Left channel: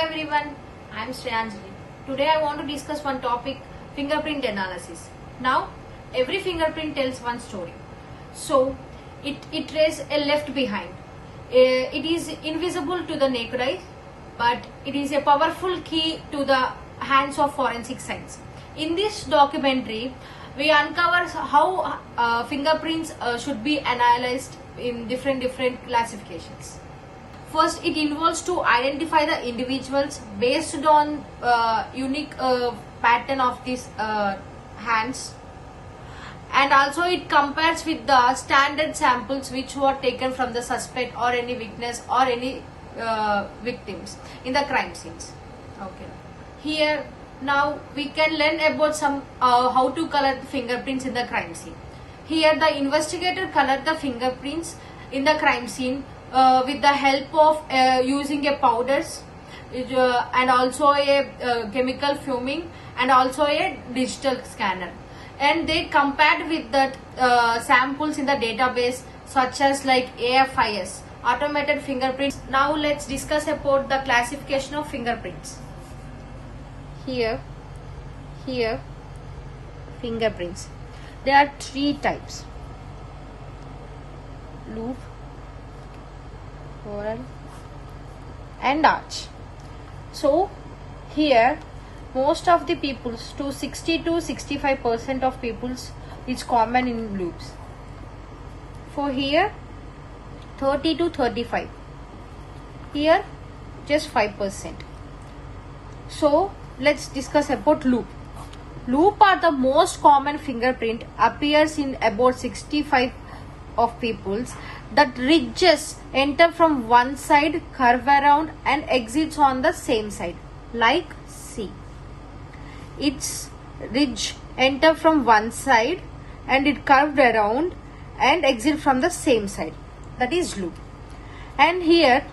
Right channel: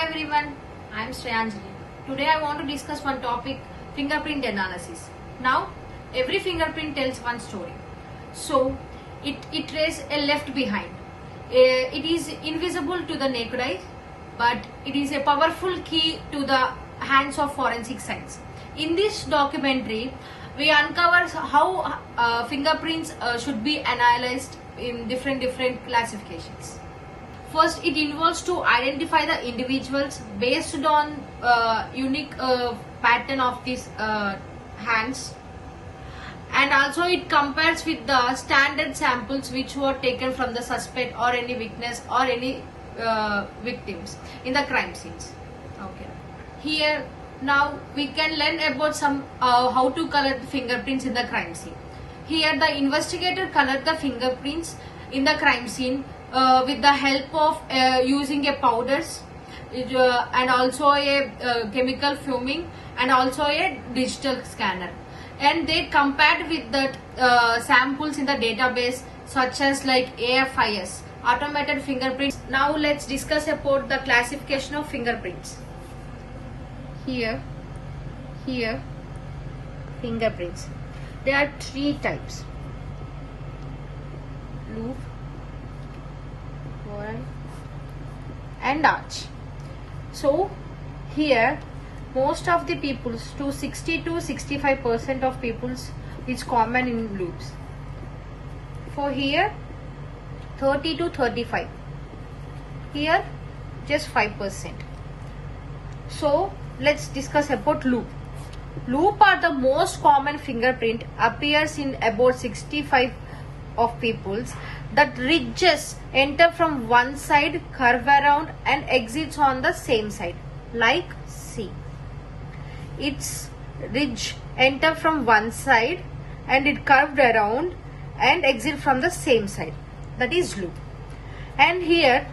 everyone, I am Shreyanjali. Today I want to discuss one topic, fingerprint analysis. Now, every fingerprint tells one story. So, it traces a left behind. It is invisible to the naked eye, but it is a powerful key to the hands of forensic science. In this documentary, we uncover how fingerprints should be analyzed in different classifications. First, it involves to identify the individuals based on unique pattern of these hands, and also it compares with the standard samples which were taken from the suspect or any witness or any victims in the crime scenes. Okay. Here now we can learn about some how to color the fingerprints in the crime scene. Here the investigator colored the fingerprints in the crime scene with the help of using a powders and also a chemical fuming and also a digital scanner, and they compared with the samples in the database such as like AFIS, automated fingerprints. Now let's discuss about the classification of fingerprints. Here fingerprints, there are three types: loop, whorl and arch. So here most of the peoples, to 60 to 65% of peoples, is common in loops. For here 30 to 35, here just 5%. So let's discuss about loop. Loop are the most common fingerprint, appears in about 65 of peoples. That ridges enter from one side, curve around and exits on the same side, like see. Its ridge enter from one side and it curved around and exit from the same side, that is loop. And here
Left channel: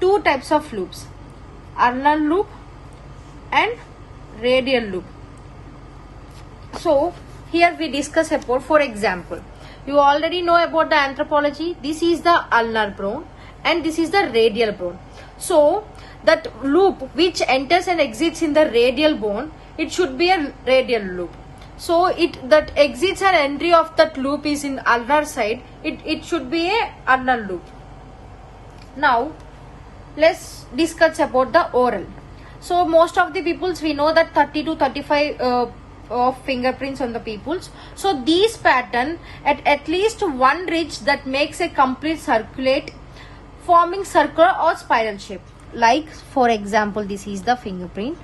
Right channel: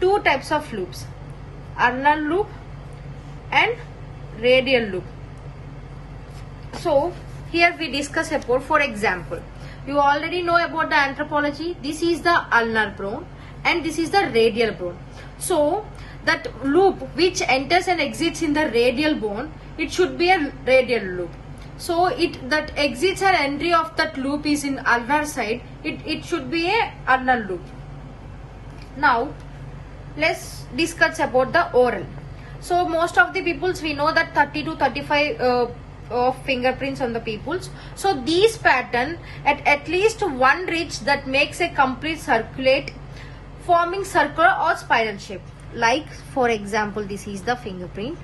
two types of loops, ulnar loop and radial loop. So here we discuss about, for example, you already know about the anthropology. This is the ulnar bone and this is the radial bone. So that loop which enters and exits in the radial bone, it should be a radial loop. So that exits or entry of that loop is in ulnar side, it should be a ulnar loop. Now let's discuss about the oral. So most of the peoples, we know that 30 to 35 of fingerprints on the peoples. So these pattern at least one ridge that makes a complete circulate, forming circular or spiral shape. Like for example, this is the fingerprint.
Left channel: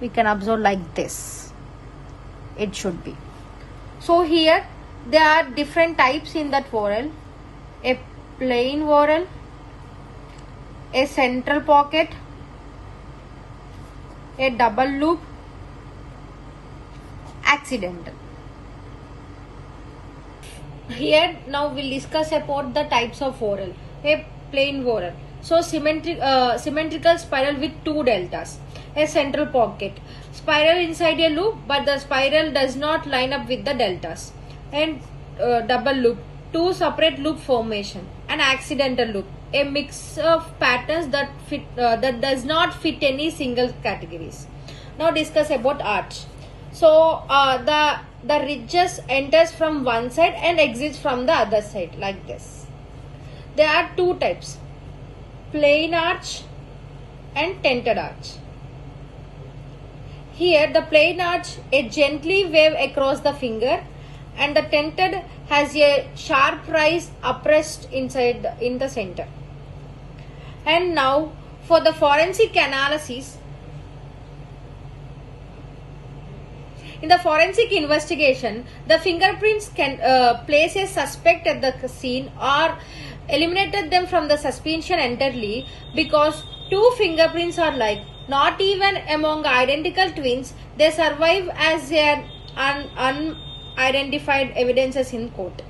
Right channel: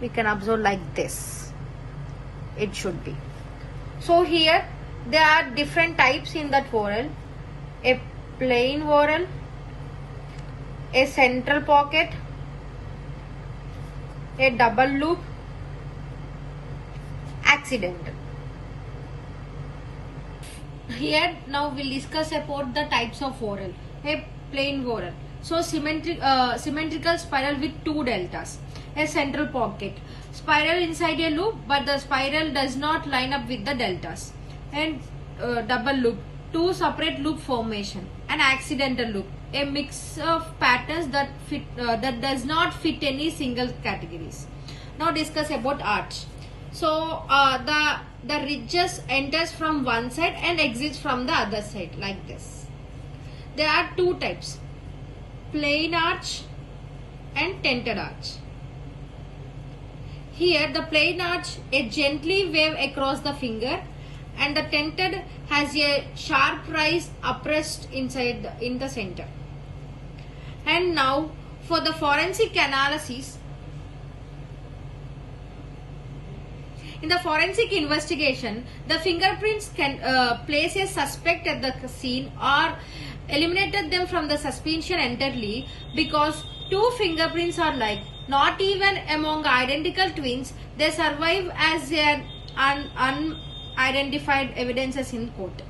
We can observe like this. It should be. So here there are different types in that whorl: a plain whorl, a central pocket, a double loop, accidental. Here now we'll discuss about the types of whorl. A plain whorl, so symmetrical spiral with two deltas. A central pocket, spiral inside a loop but the spiral does not line up with the deltas. And double loop, two separate loop formation. An accidental loop, a mix of patterns that that does not fit any single categories. Now discuss about arch. So the ridges enters from one side and exits from the other side, like this. There are two types: plain arch and tented arch. Here the plain arch, a gently wave across the finger, and the tented has a sharp rise uppressed inside in the center. And now for the forensic analysis, in the forensic investigation, the fingerprints can place a suspect at the scene or eliminated them from the suspicion entirely, because two fingerprints are like, not even among identical twins, they survive as unidentified evidences in court.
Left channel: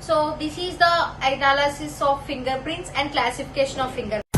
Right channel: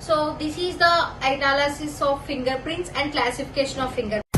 So this is the analysis of fingerprints and classification of fingerprints.